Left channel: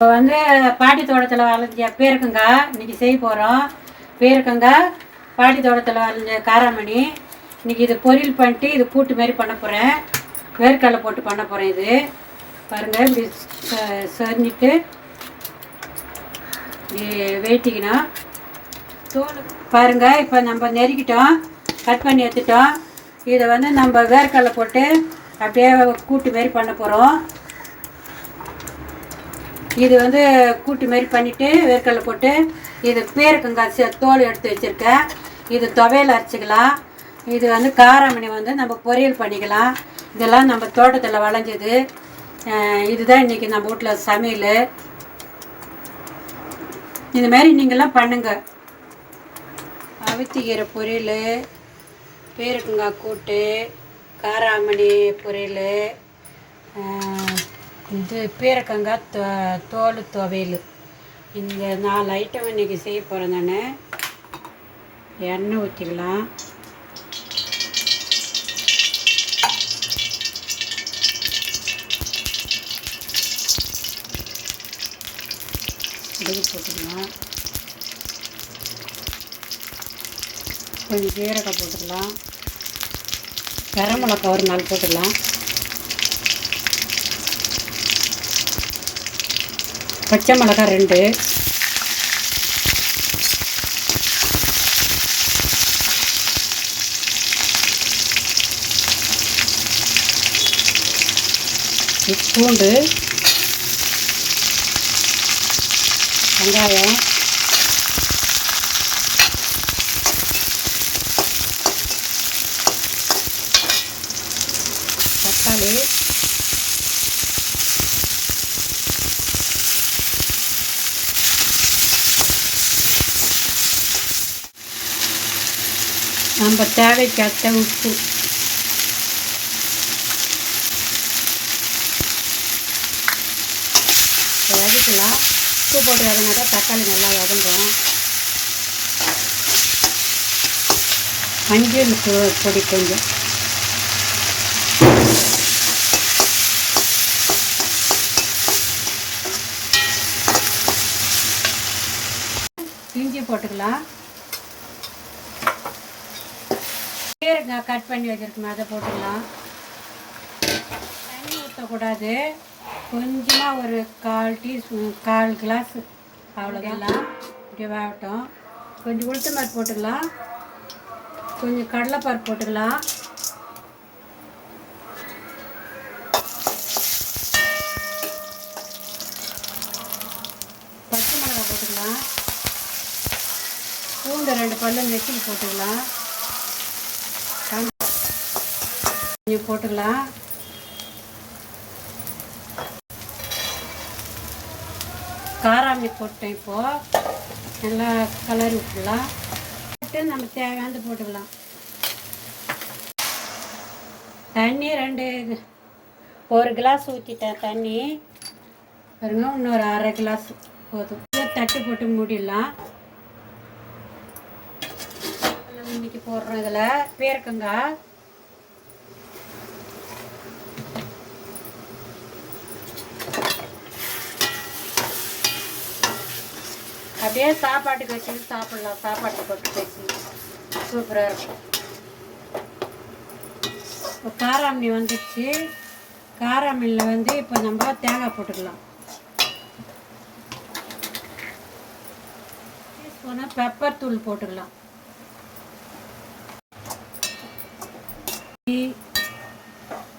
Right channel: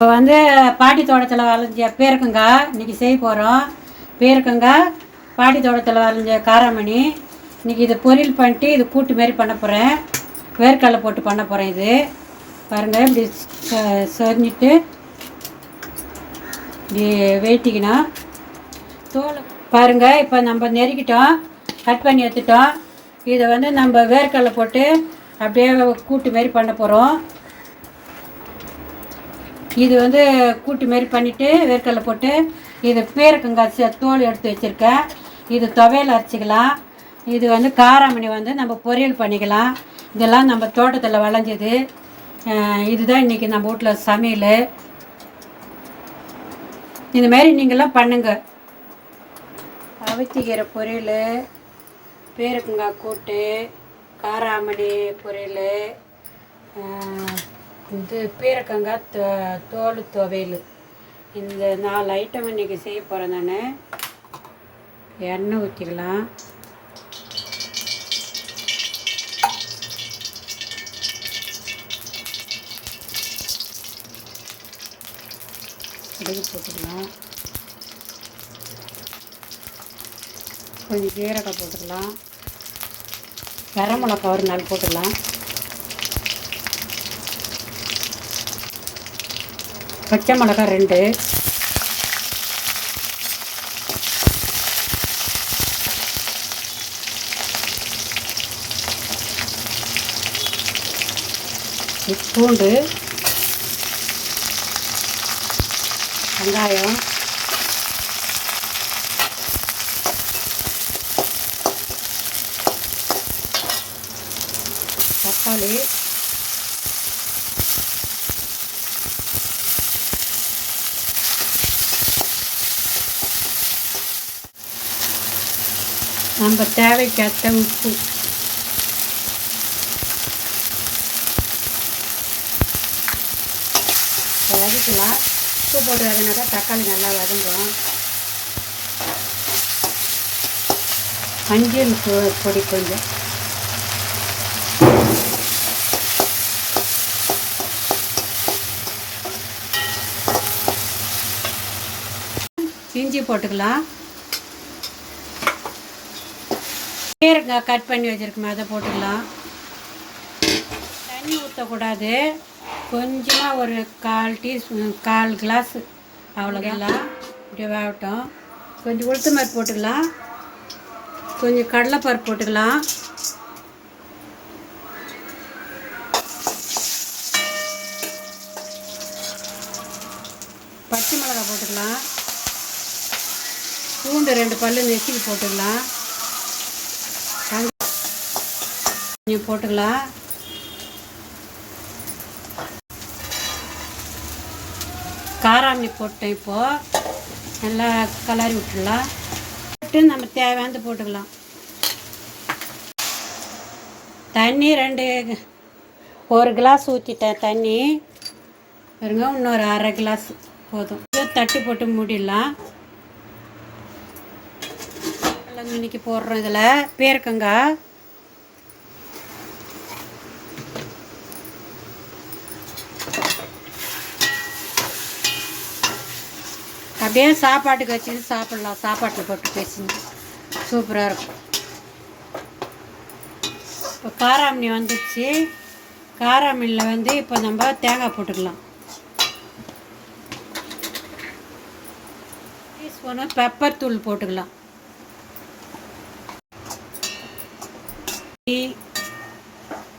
இப்போ வந்து பாட்டி தோட்டத்தில் விளைஞ்ச பேருக்கங்காய் இன்றைக்கி செய்ய போகிறோம். பேருக்கங்காய் பாட்டி தோட்டத்தில் விளைஞ்ச காராமணி. இன்றைக்கி இது பொரியல் பண்ணிட்டு இது கூட்டு மாரி பண்ண போகிறேன். வேர்க்கடலை போட்டு பண்ண போகிறேன். இது பாருங்கள், இப்படி செஞ்சுட்டு இப்படி வெயிட்டிக்கணும். தோல் பாருங்கள், இப்போ நம்ம நெருக்கிட்டோம், கட் பண்ணி எடுத்துட்டோம். இதை வந்து நம்ம வேர்க்கடலை போட்டு அப்படியே கூட்டு மாரி பண்ண போகிறோம். இது வந்து கூட்டு மாரி பண்ணிவிட்டு வேர்க்கடலை போட்டு இது பேருக்கங்காய் தோல் எடுத்து வச்சுருக்கேன். இது துவையல் அரைச்சிக்கலாம். இது வந்து காராமணி வந்து நம்ம பொரியல் பண்ணிக்கலாம். இதெல்லாம் நம்ம தோட்டத்தில் விளைஞ்சது. இதுதான் இன்றைக்கி நம்ம வீட்டில் சமையல். இதுமாரி நீங்களாம் பண்ணுங்க. அவித்திக்கீரை பொரியல், பேருக்கங்காய் கூட்டு, காராமணி பொரியல், இது பேரக்கங்காய் தோல் துவையல். இந்த 4 ஐட்டம் இன்றைக்கி செய்ய போகிறேன். நான் எண்ணெய் ஊற்றிக்கலாம். கடுகு போட்டுக்கலாம், கொஞ்சம் ஜீரகம் போட்டுக்கலாம், கரம் மிளகாய் ஒரு 4 போட்டுக்கலாம், பச்சை மிளகாய் 2, பூண்டு, வெங்காயம், தக்காளி, நம்ம தேவைக்கேற்ற உப்பு, வதக்கலாம். உப்பு போட்டு வதங்கினாக்கா தக்காளி நல்லா வதங்கும். மஞ்சள் பொடி கொஞ்சம், இஞ்சி போட்டுக்கலாம். பேருக்கங்காய் கட் பண்ணி வச்சுருக்கோம், அதை போட்டுக்கலாம். தண்ணி ஊற்றக்கூடாது. கொஞ்சமாக ஒரு 1/4 கிளாஸ் அவ்வளோதான். இப்படி வேகட்டும். கொஞ்சம் உளுத்த மாதிரி போட்டுக்கலாம், கொஞ்சம் கடலைப்பருப்பு போட்டுக்கலாம், பச்சை மிளகாய் போட்டுக்கலாம், பூண்டு 2 பல்லு நெச்சிக்கு போட்டுக்கலாம், கொஞ்சம் போட்டுக்கலாம். காராமணி போட்டேன். இப்போது நல்லா கலரி விட்டுடலாம். போட்டு நம்ம தேவையானது போட்டுக்கலாம். தண்ணி 1 கிளாஸ் ஊற்றிட்டேன் தண்ணி. பாருங்க, இன்னொரு 1/2 கிளாஸ் போதும். தட்டு போட்டு மூடிடலாம். இன்னைக்கு போடுறோம். இதில் பேருக்கங்காய், அப்படியே சாப்பாட்டுக்கு வச்சுட்டு சாப்பிட்லாம். சாப்பாட்டில் போட்டு பேசுங்க, சூப்பராக இருக்கும். இப்போ காராமணி வந்துடுச்சு. காராமணியில் வந்து இப்போ நம்ம தேங்காய் போட்டுக்கலாம். டீஸ்பூனு பெப்பர் தூள் போட்டுக்கலாம்.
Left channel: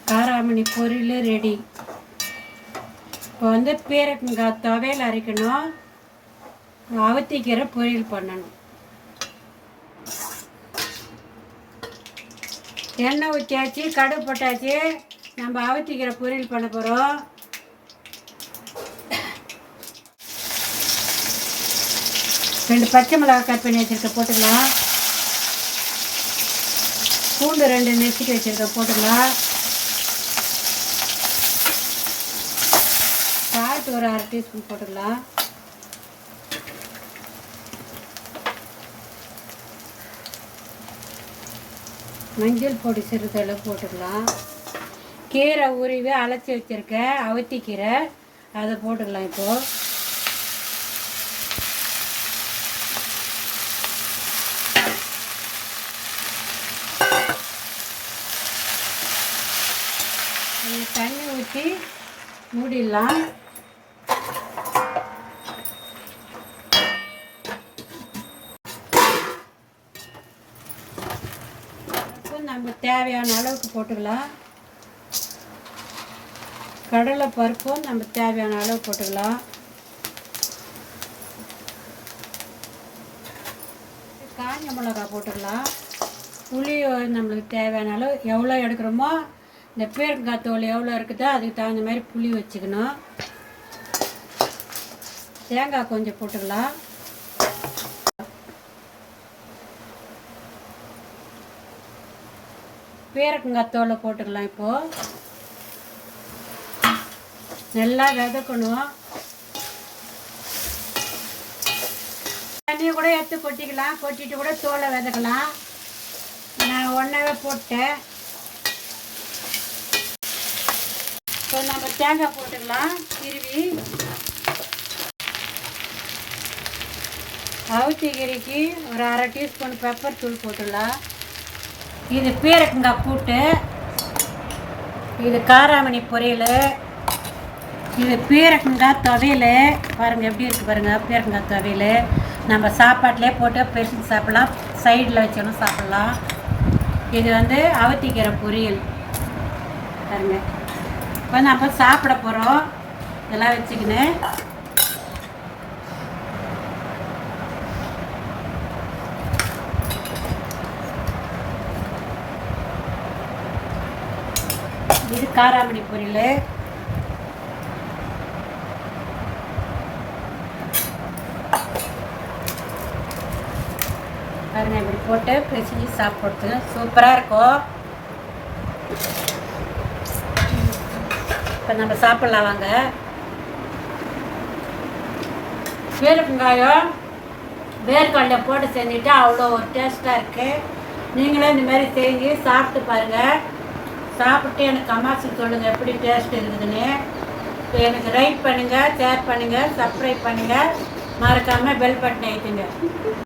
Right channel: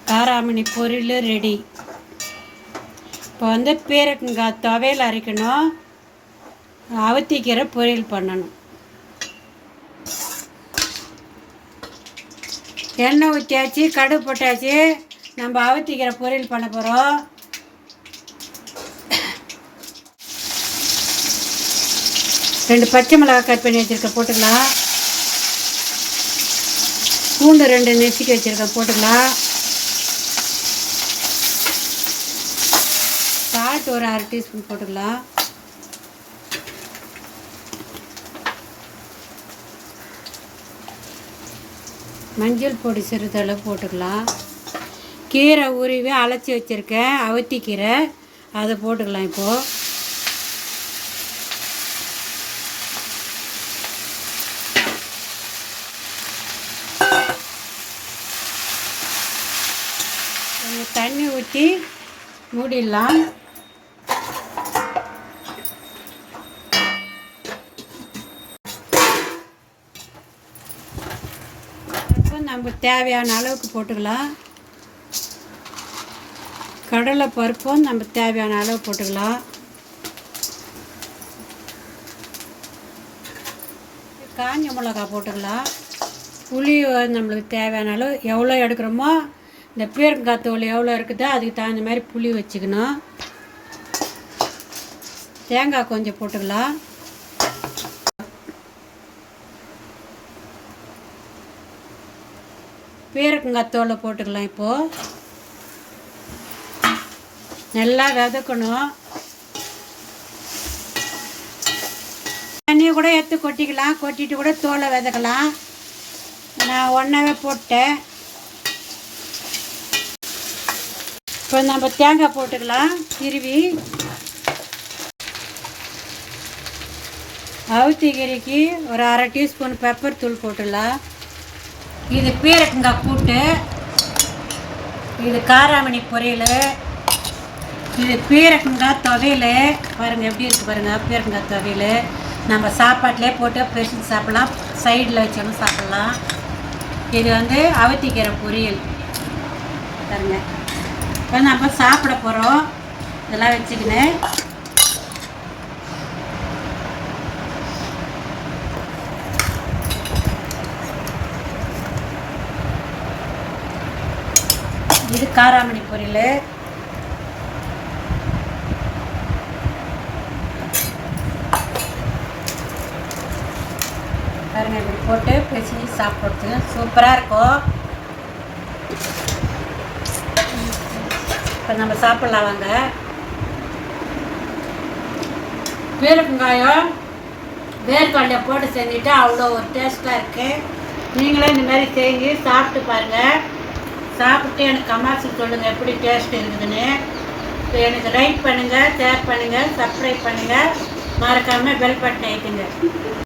காராமணி பொரியல் ரெடி. இப்போ வந்து பேருக்கங்காய் துவையல் அரைக்கணும், அவத்திக்கீரை பொரியல் பண்ணணும். எண்ணெய் ஊற்றியாச்சு, கடுகு போட்டாச்சு. நம்ம அவத்திக்கீரை பொரியல் பண்ண போகிறோம். ரெண்டு பச்சை மிளகாய் கட் பண்ணி வச்சுருக்க போட்டுக்கலாம். பூண்டு 2 நெசிக்க வச்சுருக்க போட்டுக்கலாம். சால்ட் ஒரு 1/2 டீஸ்பூன் போட்டுக்கலாம். மஞ்சள் பொடி சிறிதளவு போட்டுக்கலாம். கீரை உருவி அலசி வச்சுருக்கேன் அவத்திக்கீரை, அதை போட்டுக்கலாம். இப்போது ஊற்றி மூடிடலாம். இப்போ நம்ம தேவையான அளவுக்கு போட்டுக்கலாம். கடலை பருப்பும் நம்ம தேவையான அளவு போட்டுக்கலாம். காஞ்ச மிளகா போட்டுக்கலாம். புளி நம்மளுக்கு தேவையான அளவு எவ்வளோ எடுக்கிறோமோ, இந்த பீர்க்கங்காய் தோல் எவ்வளோ இருக்குதோ அதுக்கு தகுந்த மாதிரி புளி வச்சுக்கணும். தேங்காய் கொஞ்சம் போட்டுக்கலாம். பீர்க்கங்காய் தோலை போட்டுக்கலாம். இப்போது நல்லா வதக்கணும். தண்ணியை கூட எடுத்து கொட்டிக்கலாம். கொட்டிட்டு கூட தோலை வதக்கலாம். நான் ஒன்றாவே போட்டேன். இப்போ நம்ம தேங்காய் போட்டுக்கலாம். திருவி அவுத்திக்கீரைக்கு ஒரு அரை டீஸ்பூன் பெப்பர் தூள் போட்டுடலாம். இது பீர்க்கங்காய் கூட்டு, இது காராமணி பொரியல், இது பீர்க்கங்காய் துவையல். பாருங்கள் எப்படி இருக்குது பாருங்கள். பீர்க்கங்காய் துவையல் நம்ம சாப்பாட்டிலே போட்டு பெருசு சாப்பிட்லாம், சைடில் வச்சாலும் சாப்பிட்லாம். இது அவுத்திக்கீரை பொரியல் பாருங்கள். இப்போ நம்ம சாப்பிட போகிறோம். இதெல்லாம் வச்சுக்கினேன். இது காராமணி பொரியல். பாருங்கள் இப்படி போட்டு பிரிச்சு சாப்பிட்றது சூப்பராக இருக்கும். இப்போ நம்ம சாப்பிட்லாம் வாங்க. பீர்க்கங்காயம் வேர்க்கடலை போட்டு செஞ்சுட்டு அவ்வளோ ஒரு டேஸ்ட்டாக இருக்குது. நீங்களே இந்தமாரி செஞ்சு சாப்பிட்டு பாருங்கள். சாப்பிட்டு எனக்கு கமெண்ட்ஸ் சொல்லுங்கள் எப்படி டேஸ்ட் இருக்குதுன்னு. எனக்கு லைக் பண்ணுங்கள், ஷேர் பண்ணுங்கள், சப்ஸ்கிரைப் பண்ணுங்கள். மறக்காமல் பெல் பட்டன் அழுத்துங்க.